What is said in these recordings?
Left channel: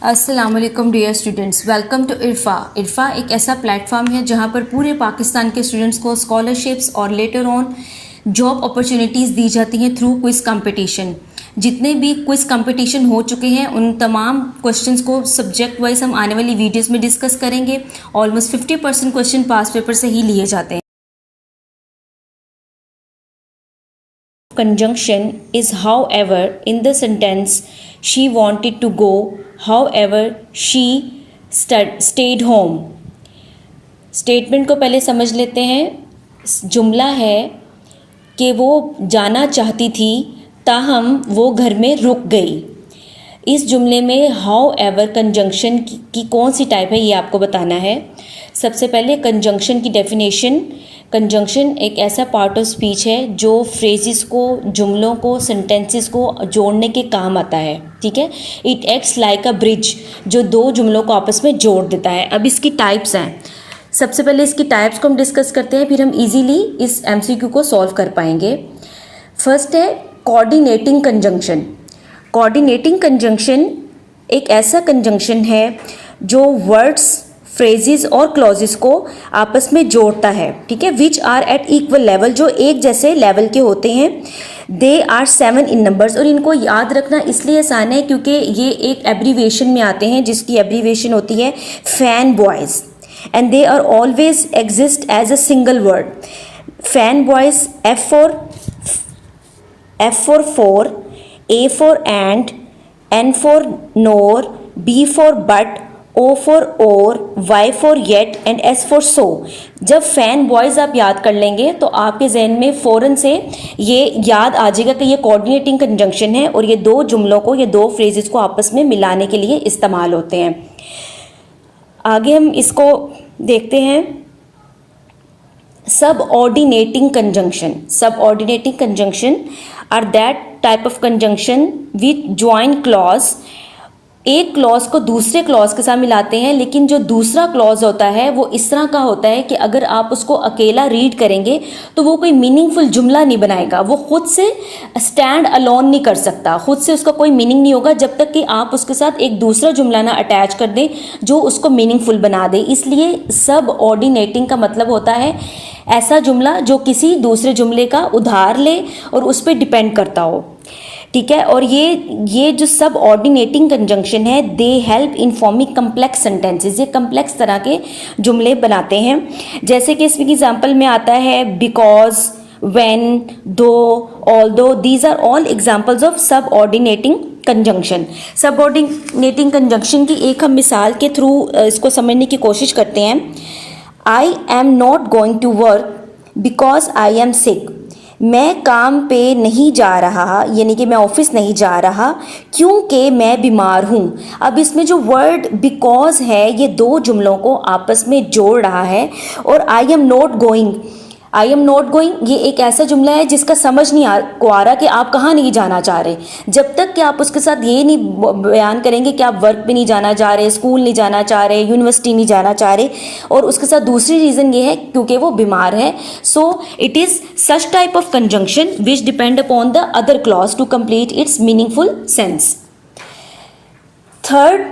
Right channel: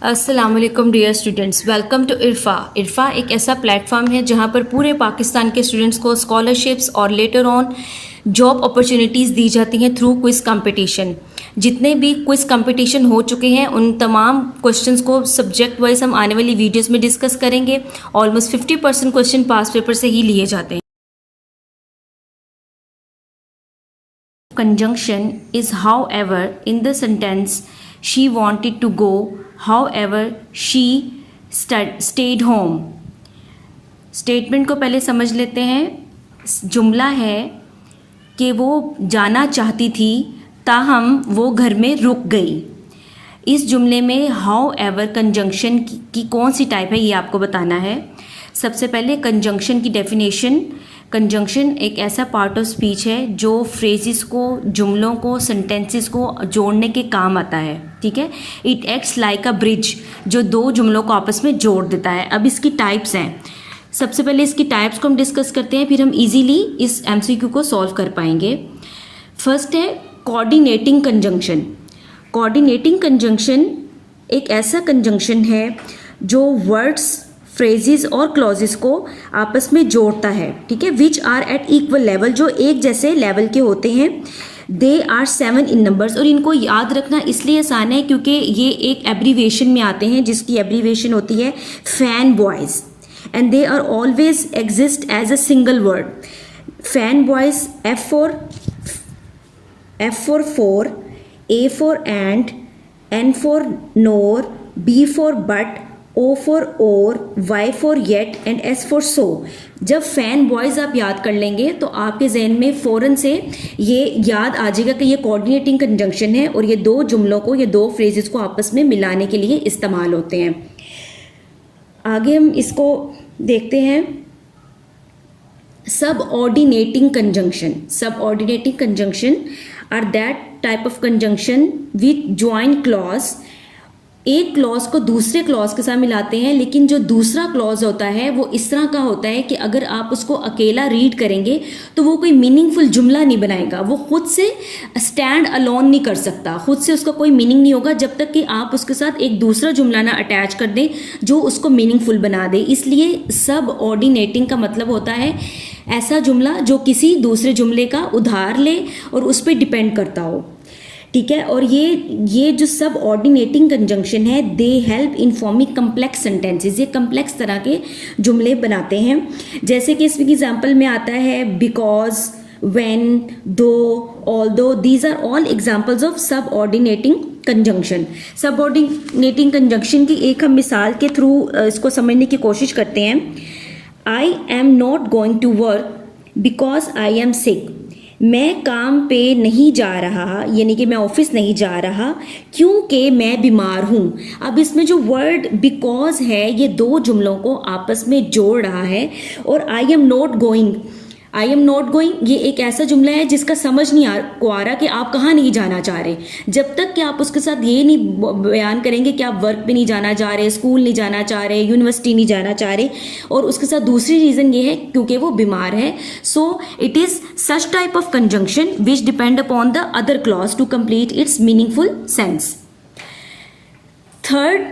अस्सलाम वालेकुम dear students, welcome to Irfa. Irfa एक ऐसा प्लेटफॉर्म है जहां पर पूरे पाकिस्तान के स्टूडेंट्स को स्कॉलरशिप्स और लेटर ऑन जॉब अपॉर्चुनिटीज़ दी जाती हैं थ्रू क्विज़ कंपटीशन। जितने भी क्विज़ कंपटीशन हो चुके हैं उन तमाम क्वेश्चंस को सब्जेक्ट वाइज हम आने वाली वीडियोस में डिस्कस करेंगे। ऑलमोस्ट 50% क्वेश्चन पास पेपर से ही लिए जाते हैं। Conjunction is however in the sentence she wanted to go, however she stayed home. Statement को पहले समझ लेते हैं। जुमला है कि वो जाना चाहती थी ताहम वो घर में रुक गई। इस जुमले में however कंजंक्शन की कौन सी टाइप है ये आपको बताना है। सबसे पहले कंजंक्शन की डेफिनेशन। कंजंक्शन एक ऐसा पार्ट ऑफ स्पीच है जो फ्रेजेस को, जुमलों को, सेंटेंसेस को जोड़ने के काम आता है। ठीक है, it acts like a bridge, जो दो जुमलों को आपस में जोड़ देता है। अब इसकी टाइप्स हैं। सबसे पहले इसकी टाइप्स को हम डिस्कस करते हैं, फिर हम इजीली इस एमसीक्यू को सॉल्व कर पाएंगे। फर्स्ट है कोऑर्डिनेटिंग कंजंक्शन। कोऑर्डिनेटिंग कंजंक्शन एक ऐसा कंजंक्शन है जो वर्ड्स, फ्रेजेस और क्लॉजेस को आपस में जोड़ता है। ठीक है, which are at equal level, जो एक जैसे लेवल के होते हैं। दे आर 7 इन नंबर्स, और इनको याद रखना इसलिए आसान है क्योंकि ये एक एब्रीवेशन में आते हैं जिसकी एब्रीवेशन होती है fan boys, and they are always exist as a single word. Fan boys, F for A for and, N for nor, B for but, O for or, Y for yet and S for so। जब fan boys आप याद कर लेंगे तो आपके जहन में फ़ौरन से ये याद आ जाएगा कि ये कोऑर्डिनेटिंग कंजंक्शन है और ये दो जुमलों को, ये दो फ्रेजेस को आपस में मिलाने के लिए इस्तेमाल होते हैं। आगे हम इसको देखते हैं। Subordinating conjunction. Subordinating conjunction are that type of conjunction with join clause. एक क्लॉज को दूसरे क्लॉज के साथ मिलाते हैं, लेकिन जो दूसरा क्लॉज होता है वो इस तरह का होता है कि अगर आप उसको अकेला रीड करेंगे तो वो कोई मीनिंगफुल जुमला नहीं बनाएगा। वो खुद से स्टैंड अलोन नहीं कर सकता, खुद से उसका कोई मीनिंग नहीं होगा जब तक कि आप उसके साथ एक दूसरा जुमला ना अटैच कर दें जो उसको मीनिंगफुल बना दे। इसलिए सब ऑर्डिनेटिंग का मतलब होता है ऐसा जुमला जो किसी दूसरे जुमले का उधार ले और उस पर डिपेंड करता हो। ठीक है, और ये जो सब ऑर्डिनेटिंग कंजंक्शन है, they help in forming complex sentences. ये कम्प्लेक्स तरह के जुमले बनाते हैं। जैसे कि इसमें एग्जाम्पल में आता है because, when, though, although. These are all examples of subordinating conjunction. सब ऑर्डिनेटिंग कंजंक्शन की एक हम मिसाल के थ्रू इसको समझने की कोशिश करते हैं। I am not going to work because I am sick. मैं काम पे नहीं जा रहा, यानी कि मैं ऑफिस नहीं जा रहा क्योंकि मैं बीमार हूँ। अब इसमें जो वर्ड बिकॉज है ये दो जुमलों को आपस में जोड़ रहा है। और आई am not going, I am not going ये एक ऐसा जुमला है जिसका समझ नहीं आ रहा कि आप कहाँ नहीं जाना चाह रहे। जब तक कि आप उसके साथ ये नहीं बयान करेंगे कि आप वर्क पे नहीं जाना चाह रहे, स्कूल नहीं जाना चाह रहे, यूनिवर्सिटी नहीं जाना चाह रहे, और उसके साथ दूसरी रीज़न ये है क्योंकि वो बीमार है। So it is such type of conjunction which depend upon the other clause to complete its meaningful sense. Third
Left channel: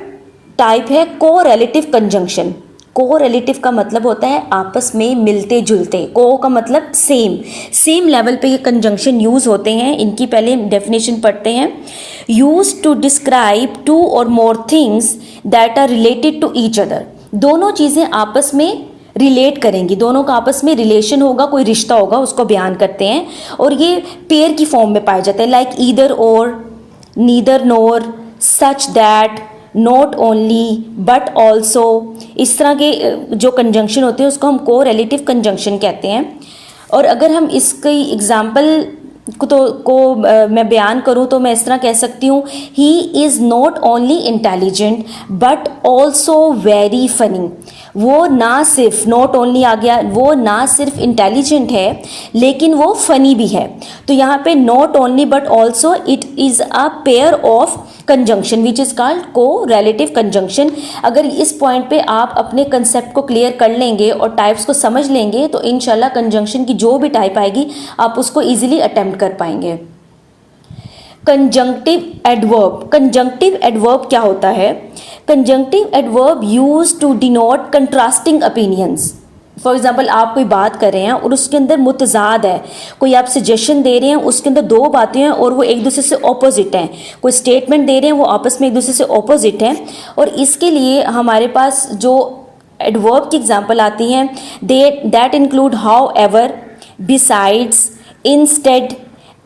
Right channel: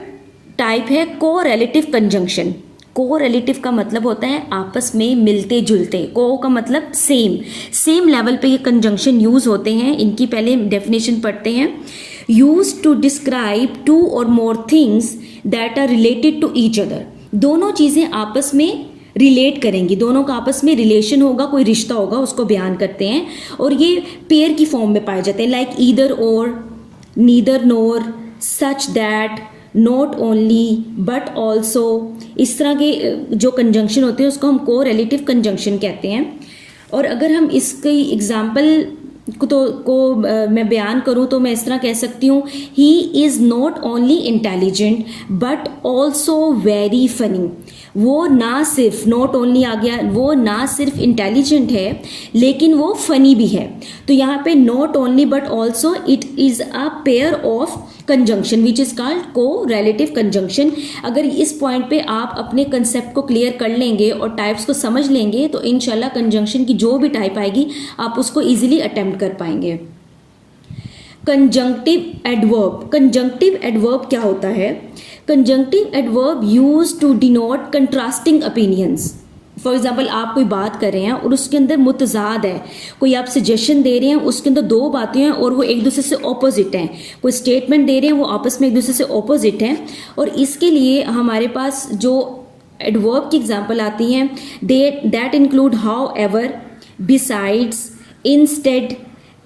type है कोरिलेटिव कंजंक्शन। कोरिलेटिव का मतलब होता है आपस में मिलते जुलते। को का मतलब सेम लेवल पे ये कंजंक्शन यूज होते हैं। इनकी पहले डेफिनेशन पढ़ते हैं। Use to describe two or more things that are related to each other. दोनों चीज़ें आपस में रिलेट करेंगी, दोनों का आपस में रिलेशन होगा, कोई रिश्ता होगा, उसको बयान करते हैं। और ये पेयर की फॉर्म में पाए जाते हैं, लाइक ईदर और, neither NOR, such that, not only, but also. इस तरह के जो कंजंक्शन होते हैं उसको हम कोरिलेटिव कंजंक्शन कहते हैं। और अगर हम इसकी एग्जाम्पल को मैं बयान करूँ तो मैं इस तरह कह सकती हूँ, he is not only intelligent but also very funny. वो ना सिर्फ, नॉट ओनली आ गया, वो ना सिर्फ इंटेलिजेंट है लेकिन वो फनी भी है। तो यहाँ पे not only but also, it is a pair of conjunction which is called correlative conjunction. अगर इस पॉइंट पे आप अपने कंसेप्ट को क्लियर कर लेंगे और टाइप्स को समझ लेंगे तो इंशाल्लाह कंजंक्शन की जो भी टाइप आएगी आप उसको ईजिली अटेम्प्ट कर पाएंगे। Conjunctive adverb. कंजंक्टिव एडवर्ब क्या होता है? Conjunctive adverb use to denote contrasting opinions. For example आप कोई बात कर रहे हैं और उसके अंदर मुतजाद है, कोई आप सजेशन दे रहे हैं, उसके अंदर दो बातें हैं और वो एक दूसरे से ऑपोजिट हैं, कोई स्टेटमेंट दे रहे हैं वो आपस में एक दूसरे से ऑपोजिट हैं, और इसके लिए हमारे पास जो एडवर्ब की एग्जांपल आती हैं that include however, besides, instead,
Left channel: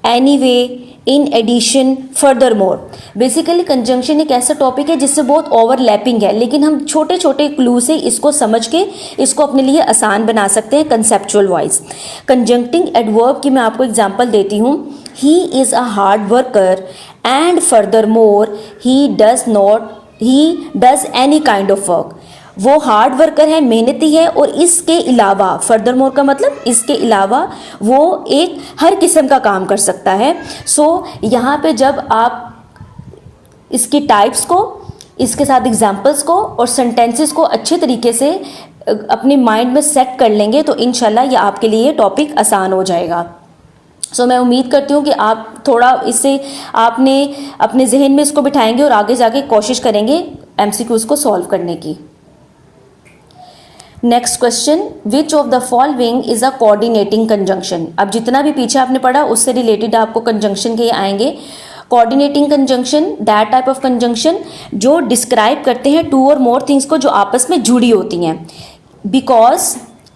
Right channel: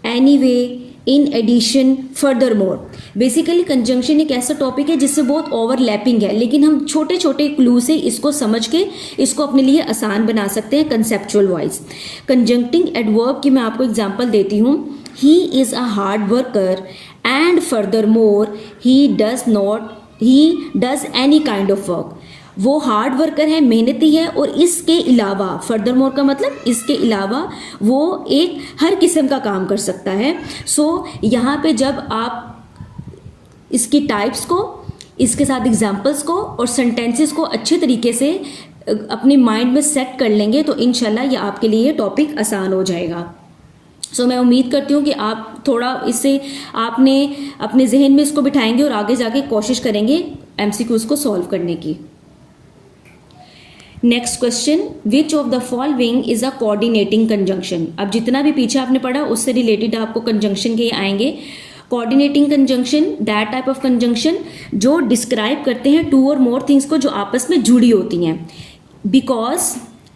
anyway, in addition, furthermore. Basically conjunction एक ऐसा टॉपिक है जिससे बहुत ओवरलैपिंग है, लेकिन हम छोटे छोटे क्लू से इसको समझ के इसको अपने लिए आसान बना सकते हैं कंसेप्चुअल वाइज। कंजंक्टिंग एडवर्ब की मैं आपको एग्जांपल देती हूँ। He is a hard worker and further more he does any kind of work. वो हार्ड वर्कर है, मेहनती है, और इसके अलावा, फर्दर मोर का मतलब इसके अलावा, वो एक हर किस्म का काम कर सकता है। सो यहाँ पे जब आप इसकी टाइप्स को, इसके साथ एग्जाम्पल्स को और सेंटेंसेस को अच्छे तरीके से अपने माइंड में सेट कर लेंगे तो इंशाल्लाह ये आपके लिए टॉपिक आसान हो जाएगा। सो मैं उम्मीद करती हूँ कि आप थोड़ा इससे आपने अपने जहन में इसको बिठाएंगे और आगे जाके कोशिश करेंगे MCQs को सॉल्व करने की। Next question, which of the following is a coordinating conjunction. अब जितना भी पीछे आपने पढ़ा उससे रिलेटेड आपको कंजंक्शन के आएंगे। Coordinating conjunction that type of conjunction जो डिस्क्राइब करते हैं टू और मोर थिंग्स को जो आपस में जुड़ी होती हैं। Because,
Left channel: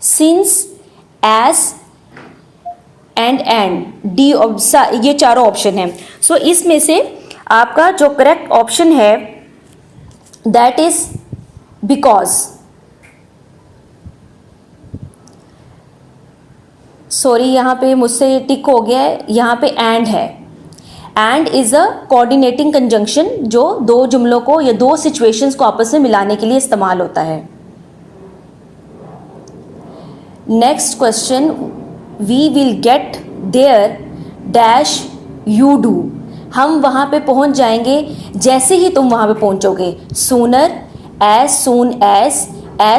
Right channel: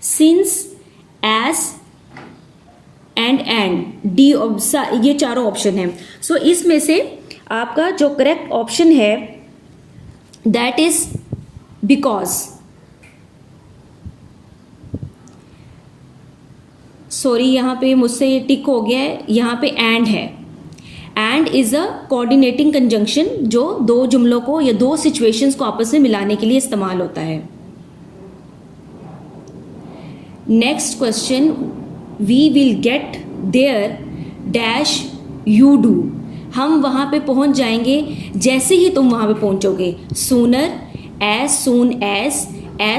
since, as and D, ये चारों ऑप्शन हैं। सो इसमें से आपका जो करेक्ट ऑप्शन है दैट इज बिकॉज। सॉरी, यहाँ पे मुझसे ये टिक हो गया है, यहाँ पे एंड है। And is a coordinating conjunction जो दो जुमलों को या दो सिचुएशंस को आपस में मिलाने के लिए इस्तेमाल होता है। Next question, we will get there dash you do. हम वहाँ पे पहुँच जाएंगे जैसे ही तुम वहाँ पे पहुँचोगे। सूनर, एज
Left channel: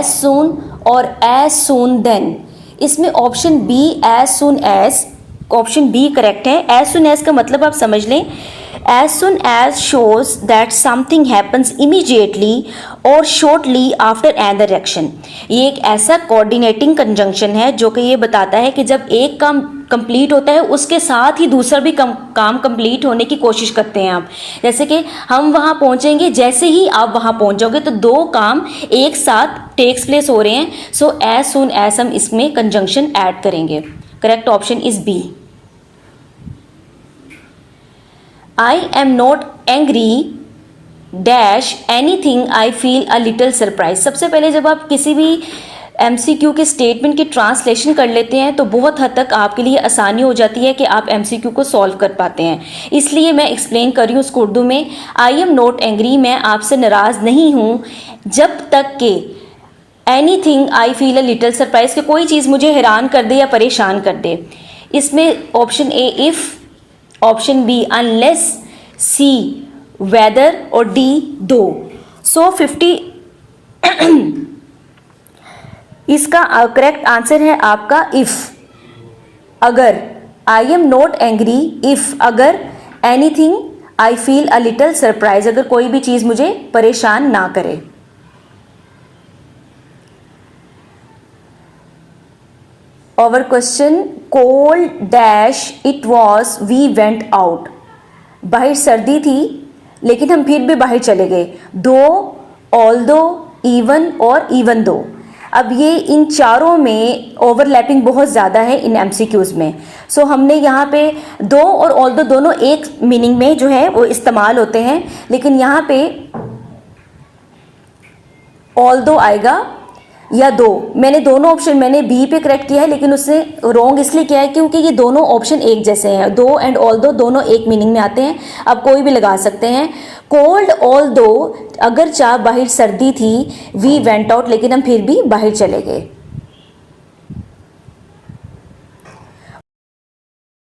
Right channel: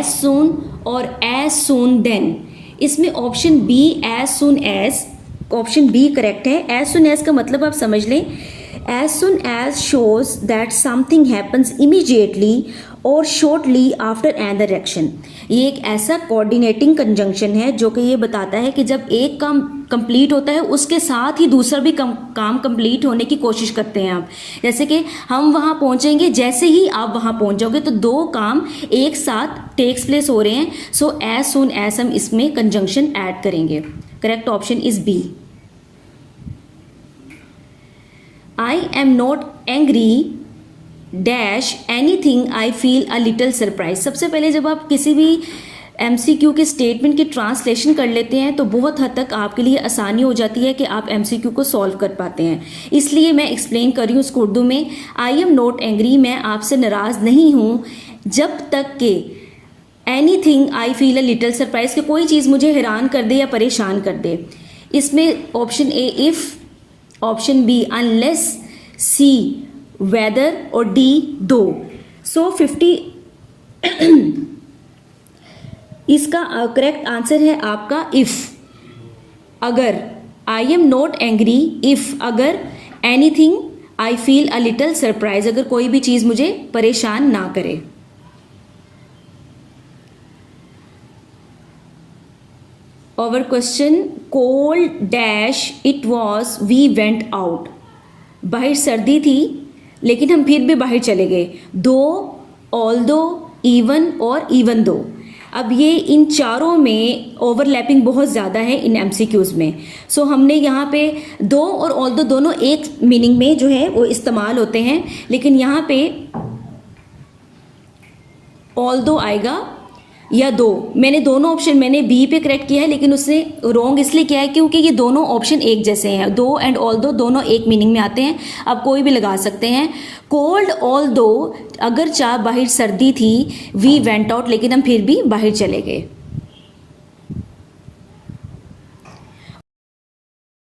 सून और एज सून देन। इसमें option B as soon as, option B correct है। एज सुन एज का मतलब आप समझ लें, as soon as shows that something happens immediately or shortly after another action. ये एक ऐसा कोऑर्डिनेटिंग कंजंक्शन है जो कि ये बताता है कि जब एक काम कंप्लीट होता है उसके साथ ही दूसरा भी काम कंप्लीट होने की कोशिश करते हैं आप। जैसे कि हम वहाँ पहुँचेंगे, जैसे ही आप वहाँ पहुँच जाओगे तो दो काम एक साथ टेक्स प्लेस हो रहे हैं। सो एज सून एज हम इसमें कंजंक्शन ऐड करेंगे। Correct option is B. I am not angry dash anything I feel a little surprise. सबसे पहले जब आप किसी भी MCQ के स्टेटमेंट की ट्रांसलेशन कर लेते हैं तो बहुत हद तक आपके लिए आसानी हो जाती है कि आप MCQ को सॉल्व कर पाते हैं। इसलिए मैं एक्सप्लेन कर रही हूँ उसको उर्दू में। आई एम नॉट एंग्री, मैं आपसे नाराज़ नहीं हूँ जब तक कि anything I feel a little surprise, कि कोई चीज़ मुझे हैरान कर दे या परेशान कर दे। इसमें option A if, option B unless, C whether और डी दो। सो 50 इसका करेक्ट आंसर है आपका इफ़। अगर, I am not angry if, अगर, anything I feel a little surprise, अगर कोई भी चीज़ मुझे परेशान ना करे। Our question, cold dash it was we went out। बाहर सर्दी थी लेकिन हम फिर भी बाहर चले गए। दो, although, even और even though। अब ये इन चारों में ओवरलैपिंग बहुत ज़्यादा है इन MCQs में। सो हमने यहाँ पे दो और although दोनों एक मीनिंग में जो है वो इस्तेमाल होते हैं, लेकिन यहाँ पे although आएगा या दो। मैंने दोनों ऑप्शन, मैंने बी पे करेक्ट किया है लेकिन उसने रॉन्ग इसलिए किया है क्योंकि ये दोनों ऑप्शन एक जैसे हैं। दो एंड ऑल दो दोनों एक मीनिंग में आते हैं, आप कोई भी लगा सकते हैं। कोल्ड ऑल दो, अगर चाह बाहर सर्दी थी, वी वेंट आउट, लेकिन हम फिर भी बाहर चले गए।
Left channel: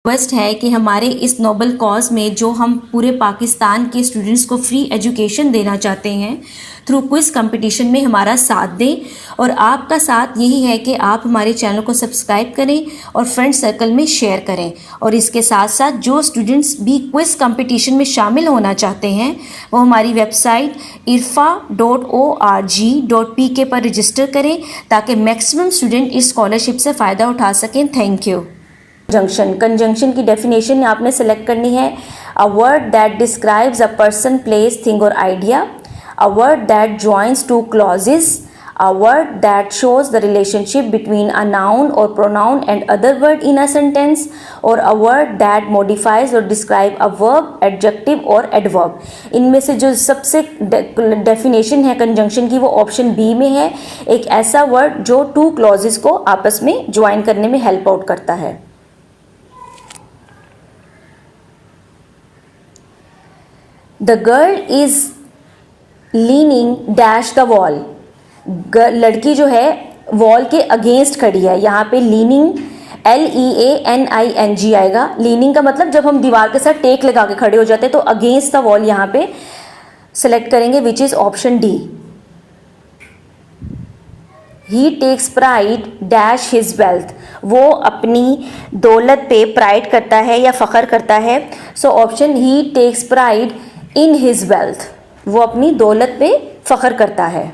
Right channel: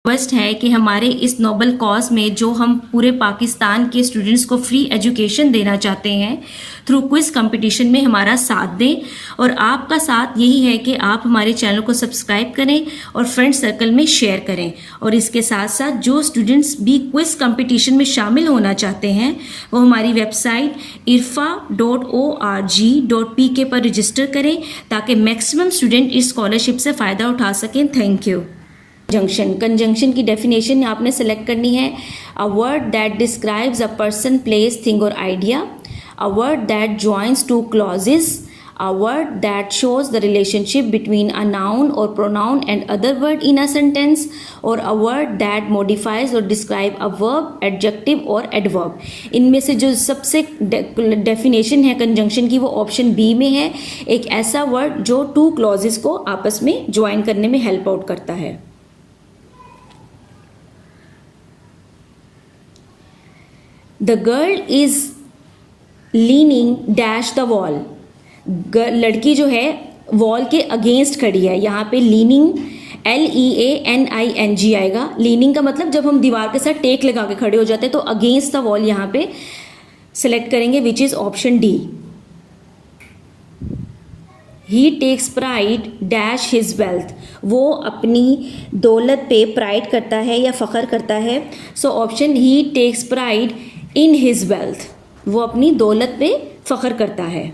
रिक्वेस्ट है कि हमारे इस नोबल कॉज में जो हम पूरे पाकिस्तान के स्टूडेंट्स को फ्री एजुकेशन देना चाहते हैं थ्रू क्विज़ कंपटीशन में हमारा साथ दें। और आपका साथ यही है कि आप हमारे चैनल को सब्सक्राइब करें और फ्रेंड सर्कल में शेयर करें। और इसके साथ साथ जो स्टूडेंट्स भी क्विज़ कंपटीशन में शामिल होना चाहते हैं वो हमारी वेबसाइट irfa.org.pk पर रजिस्टर करें ताकि मैक्सिमम स्टूडेंट इस स्कॉलरशिप से फ़ायदा उठा सकें। Thank you. कंजंक्शन की डेफिनेशन आपने सेलेक्ट करनी है। A word that describes a person, place, thing और idea, a word that joins two clauses, a word that shows the relationship between a noun और pronoun and other word in a sentence, और a word that modifies और describe a verb, adjective और adverb. इनमें से जो सबसे definition है conjunction की वो ऑप्शन बी में है, एक ऐसा वर्ड जो टू क्लॉजेस को आपस में ज्वाइन करने में हेल्प आउट करता है। The girl is leaning dash the wall. लड़की जो है वॉल के अगेंस्ट खड़ी है। यहाँ पे लीनिंग LEANING आएगा। लीनिंग का मतलब जब हम दीवार के साथ टेक लगा के खड़े हो जाते हैं, तो अगेंस्ट द वॉल यहाँ पे सेलेक्ट करेंगे, which is option D. He takes pride dash his wealth. वो अपनी दौलत पे प्राइड करता है या फ़ख्र करता है। So option he takes pride in his wealth. वो अपनी दौलत पे फ़ख्र करता है।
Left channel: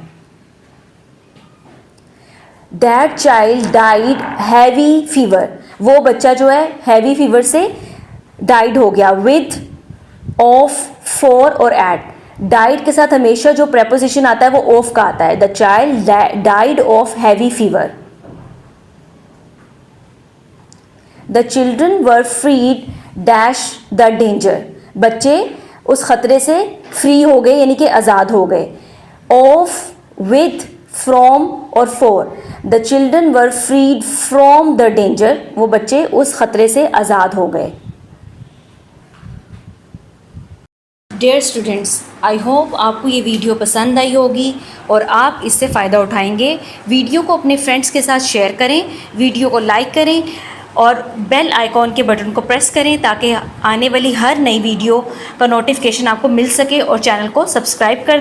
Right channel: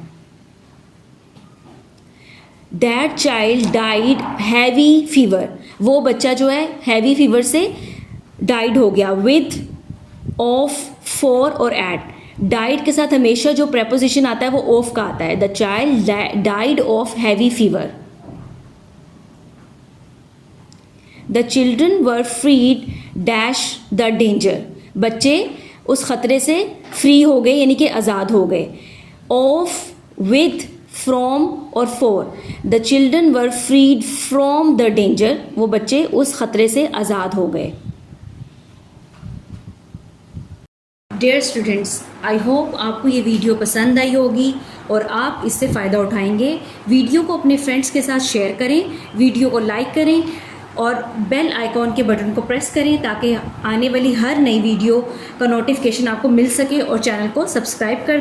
That child died heavy fever. वो बच्चा जो है हैवी फीवर से डाइड हो गया। विद, ऑफ, फॉर और एट। डाइड के साथ हमेशा जो प्रेपोजिशन आता है वो ऑफ का आता है। The child died of heavy fever. The children were freed dash the danger. बच्चे उस खतरे से फ्री हो गए यानी कि आज़ाद हो गए। ऑफ, विद, फ्रॉम और for. The children were freed from the danger. वो बच्चे उस खतरे से आज़ाद हो गए। डियर स्टूडेंट्स, आई होप आपको ये वीडियो पसंद आई होगी और आप इससे फ़ायदा उठाएंगे। वीडियो को अपने फ्रेंड्स के साथ शेयर करें, वीडियो को लाइक करें और बेल आइकॉन के बटन को प्रेस करें ताकि आने वाली हर नई वीडियो का नोटिफिकेशन आपको मिल सके, और चैनल को सब्सक्राइब कर